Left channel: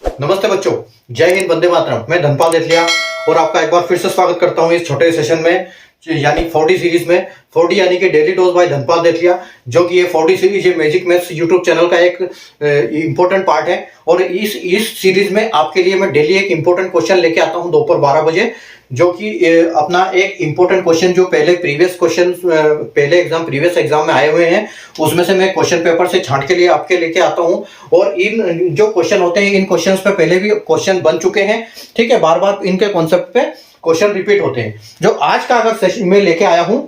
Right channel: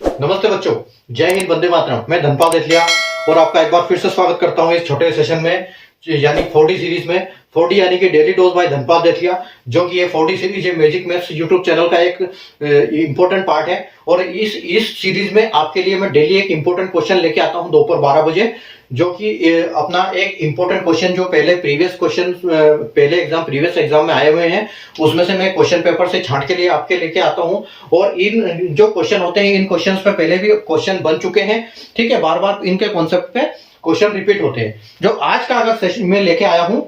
नमस्ते बच्चों, जय हिंद, वंदे मातरम। मैं धनपाल देथलिया और आपका एक बार फिर से स्वागत करता हूं इस छोटे सेशन में, यानी 4D सीरीज में। 4D यानी कि डेली डोज बाय धनपाल देथलिया, जो कि ये 4D सीरीज ये मैजिक मैथ्स यूट्यूब चैनल का एक इंपॉर्टेंट पार्ट है। और इस सीरीज में आपके लिए मैं डेली एक इंपॉर्टेंट क्वेश्चन लेके आता हूं दोपहर 12 बजे, जो कि अपना एक इंपॉर्टेंट क्वेश्चन जो पहले प्रीवियस एग्जाम में आए हुए हैं, उसमें से मैं क्वेश्चन पेपर से छांट के लिए आपके लेके आता हूं। और इन जो क्वेश्चन होते हैं, इन क्वेश्चंस पे पहले भी क्वेश्चन बन चुके हैं, ठीक है। बार बार इनके कॉन्सेप्ट पे क्वेश्चन रिपीट होते हैं। जो आज का अगर सेशन में लेके आया हूं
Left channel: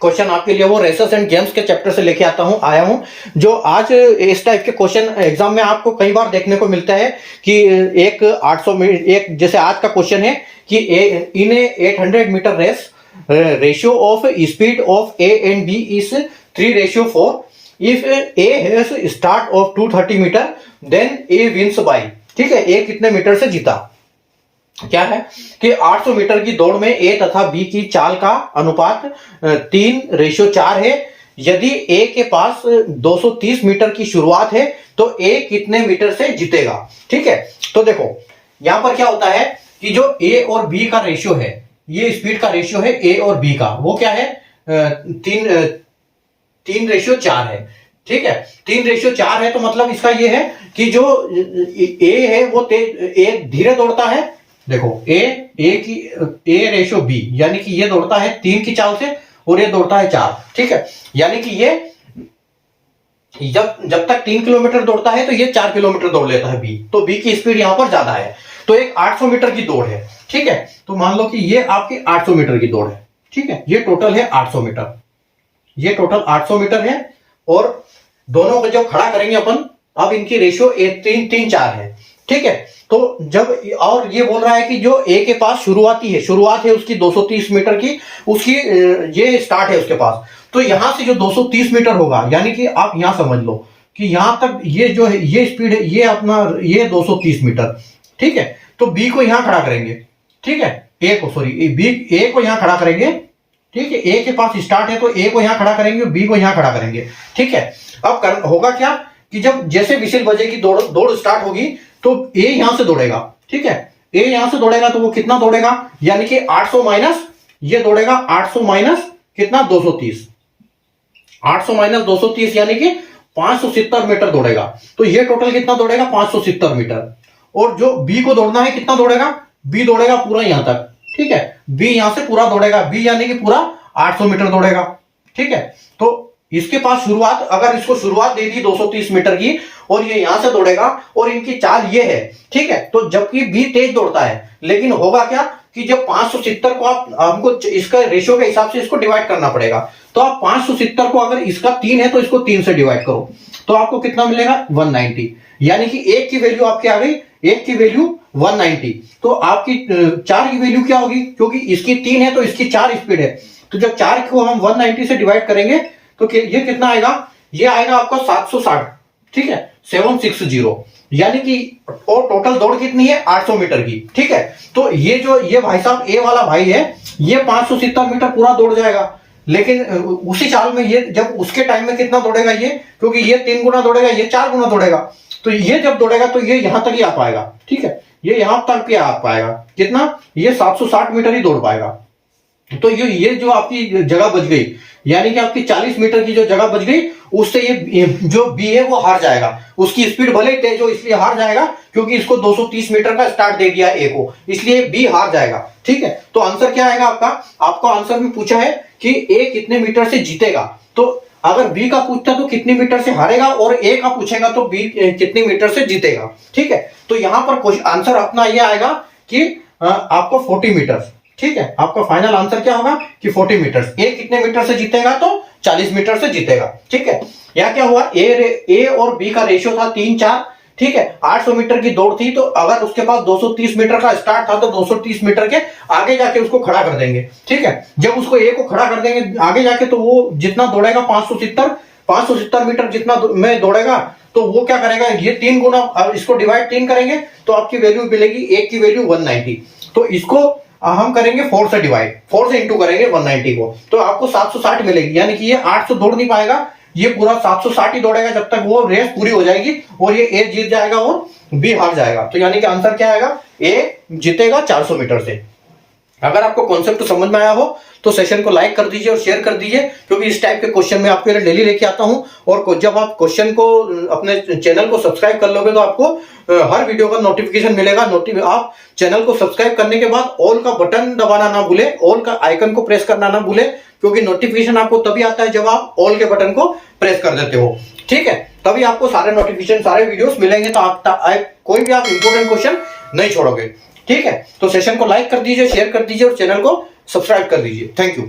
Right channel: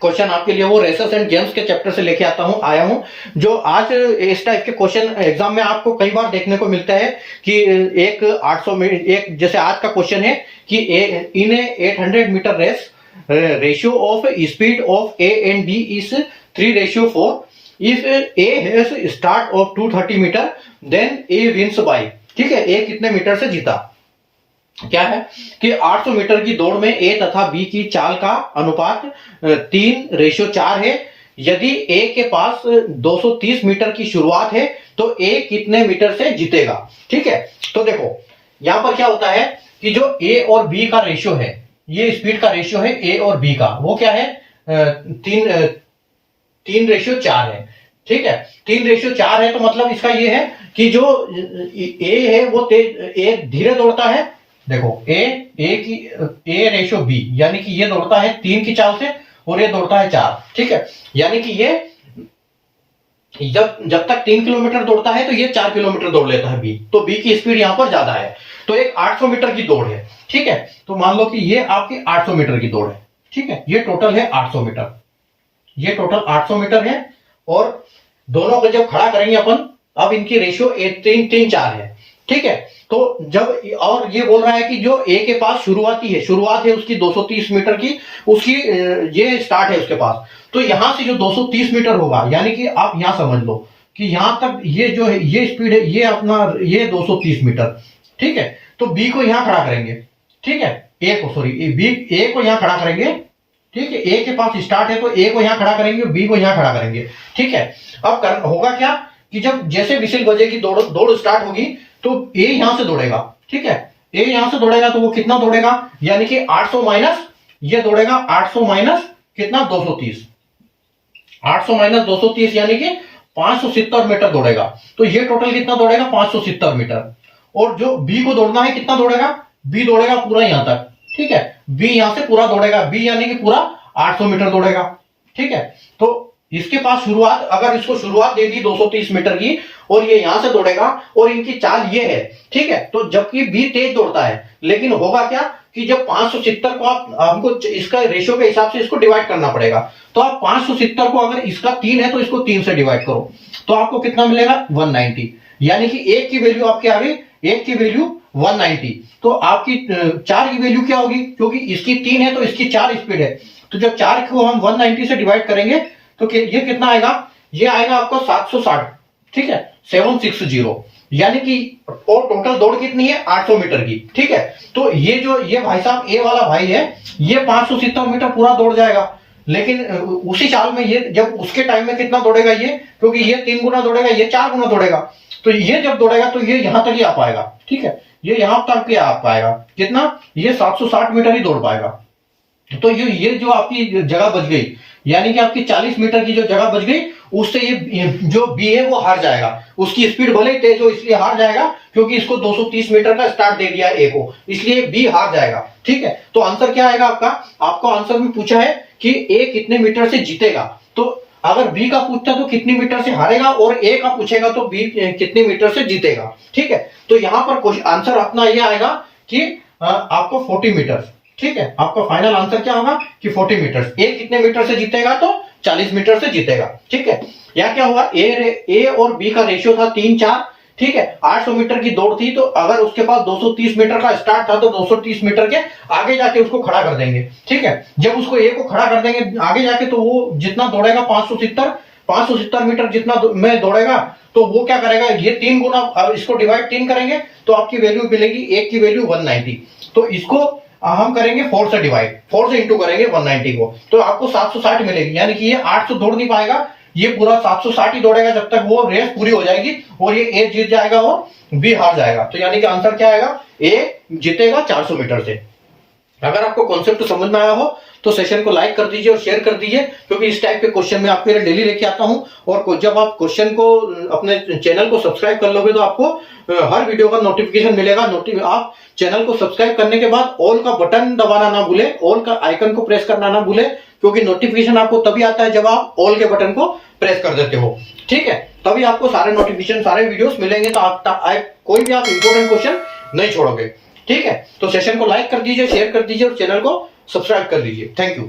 क्वेश्चन आपके लिए, वो रेसेस एंड गेम्स के चैप्टर से लेके आया हूं। जो आज इस टाइप के क्वेश्चन एग्जाम में आपको कई बार देखने को मिलता है कि एक 800 मीटर, एक जैसे आज का क्वेश्चन है कि in 800 metre race ratio of speed of A and B is 3:4। If A has start of 230 metre then A wins by, ठीक है। ए कितने मीटर से जीता? क्या है कि 800 मीटर की दौड़ में ए तथा बी की चाल का अनुपात 3:4 है। यदि ए के पास 230 मीटर की शुरुआत है तो ए कितने मीटर से जीतेगा, ठीक है। तो देखो यहां पर क्या होता है कि जो ए और बी का रेशियो है, ये स्पीड का रेशियो है ए और बी का, वो क्या है 3:4 है, ठीक है। 3:4 है तो मतलब इसका ये है कि जो ए है वो ए धीरे दौड़ता है। देखो ए रेशियो बी, यानी कि ये दौड़ता है 3 की चाल से और ये दौड़ता है 4, ठीक है। यानी कि ये जब तक 3 किलोमीटर दौड़ता है तो ये 4 किलोमीटर दौड़ लेता है बी, तो बी की स्पीड यहां पर ज्यादा है। तो एक 800 मीटर की दौड़ है, ठीक है। तो मान लो कि ये आपकी 800 मीटर की दौड़ है, ठीक है। ये टोटल है 800 मीटर, ये टोटल 800 मीटर है। और दोनों को जब खड़ा करेंगे अपन, अब इनकी रेशियो 3:4 है, ठीक है। तो जब, और ये बोल रहा है कि जो ए के पास शुरुआत है उसकी 230 मीटर की, उसकी ये स्टार्ट है उसके पास। तो यहां से जो 230 मीटर होगा, यानी कि आप यहां समझ लो कि यहां तक ये जो है ये स्पीड है, ये अपना ये 230 मीटर, ठीक है। तो बी को यहां खड़ा करेंगे, ठीक है। ए को यहां खड़ा करेंगे, ठीक है। ए के पास स्टार्ट है तो ए को यहां खड़ा करेंगे, बी को यहां खड़ा करेंगे, ठीक है। अब होगा क्या कि जब जैसे विसिल बजेगी, दौड़ स्टार्ट होगी, तो ए यहां से दौड़ेगा, ठीक है। ए यहां से दौड़ेगा तो वो कितना दौड़ेगा, यानी कि 800 माइनस ये दौड़ेगा, 800 माइनस कितना 230, 800 माइनस 230 यानी कि 570 मीटर दौड़ेगा। तो ये टोटल कितना दौड़ेगा 570 मीटर। और जो बी को दौड़ना है कितना दौड़ेगा, बी दौड़ेगा पूरा यहां तक, ठीक है। बी यहां से पूरा दौड़ेगा, बी यानी कि पूरा 800 मीटर दौड़ेगा, ठीक है। तो इसके पास शुरुआत, अगर इसको शुरुआत दे दी 230 मीटर की और ये यहां से दौड़ेगा और इनकी चाल ये है, ठीक है। तो जबकि बी तेज दौड़ता है, लेकिन होगा क्या कि जब 570 को हमको इसका रेशियो के हिसाब से इसको डिवाइड करना पड़ेगा। तो आप 570 को, अगर इसका 3 है तो इसको 3 से डिवाइड करो, तो आपको कितना मिलेगा 190। यानी कि एक की वैल्यू आपकी आ गई, एक की वैल्यू 190। तो आपकी 4 की वैल्यू क्या होगी, क्योंकि इसकी 3 है तो इसकी 4 स्पीड है। तो जब 4 को हम 190 से डिवाइड करेंगे तो ये कितना आएगा, ये आएगा आपका 760, ठीक है, 760। यानी कि और टोटल दौड़ कितनी है 800 मीटर की, ठीक है। तो ये भाई साहब, ए वाला भाई है, ये 570 मीटर पूरा दौड़ जाएगा। लेकिन उसी चाल में ये जब उसके टाइम में कितना दौड़ेगा ये, क्योंकि ये 3 गुना दौड़ेगा, ये 4 गुना दौड़ेगा। तो ये जब दौड़ेगा तो ये यहां तक ही आ पाएगा, ठीक है। ये यहां तक ही आ पाएगा, कितना, ये 760 मीटर ही दौड़ पाएगा। तो ये जो आपकी जगह बच गई, यानी कि आपकी 40 मीटर की जो जगह बच गई, उससे ये जो बी है वो हार जाएगा। उसकी स्पीड भले ही तेज हो, इसलिए हार जाएगा, क्योंकि इसको 230 मीटर का स्टार्ट दे दिया ए को, इसलिए बी हार जाएगा, ठीक है। तो आंसर क्या आएगा आपका आंसर में पूछा है कि ए कितने मीटर से जीतेगा। तो अगर बी का पूछता तो कितनी मीटर से हारेगा, और ए का पूछेगा तो बी कितनी मीटर से जीतेगा, ठीक है। तो यहां पर आंसर अपना यह आएगा कि आपको 40 मीटर, ठीक है। आपका फाइनल आंसर क्या होगा कि 40 मीटर। ए कितने मीटर से जीतेगा, तो 40 मीटर से जीतेगा, ठीक है। यहां क्या हुआ, ए और बी का रेशियो था 3:4, ठीक है। 800 मीटर की दौड़ थी, तो अगर उसके पास 230 मीटर का स्टार्ट था तो 230 मीटर के आगे जाके उसको खड़ा कर देंगे, ठीक है। जब उसको ए को खड़ा कर देंगे आगे जाके, तो वो जितना दौड़ेगा 570 मीटर जितना में दौड़ेगा, तो वो क्या करेगा, ये 3 गुना, इसको डिवाइड 3 करेंगे तो आपकी वैल्यू मिलेगी, एक की वैल्यू 190। तो इसको हम करेंगे 4 से डिवाइड, 4 से इंटू करेंगे 190 को, तो आपको 760 मिलेगी। यानी कि ये 800 दौड़ नहीं पाएगा, ये पूरा 760 ही दौड़ेगा जब तक वो रेस पूरी हो जाएगी, और ये ए जीत जाएगा और बी हार जाएगा। तो यानी कि आंसर क्या आएगा, ए जीतेगा 400 मीटर से। अगर आपको कॉन्सेप्ट समझ में आया हो तो सेशन को लाइक कर दीजिए और शेयर कर दीजिए, क्योंकि इस टाइप के क्वेश्चन मैं आपके लिए डेली लेके आता हूं। और जब आप क्वेश्चन को अपने चैनल को सब्सक्राइब कर लोगे तो आपको हर वीडियो का नोटिफिकेशन मिलेगा। आप चैनल को सब्सक्राइब करने के बाद ऑल का बटन दबाना ना भूले, ऑल का आइकन को प्रेस करना ना भूले, क्योंकि नोटिफिकेशन आपको तभी आता है जब आप ऑल के बटन को प्रेस कर देते हो। ठीक है, तभी आपको सारे नोटिफिकेशन, सारे वीडियोस मिलेंगे, तो कोई भी आप इंपॉर्टेंट क्वेश्चन नहीं छोड़ोगे। ठीक है, तो सेशन को लाइक कर दीजिए, शेयर कर दीजिए और चैनल को सब्सक्राइब कर लीजिए। Thank you.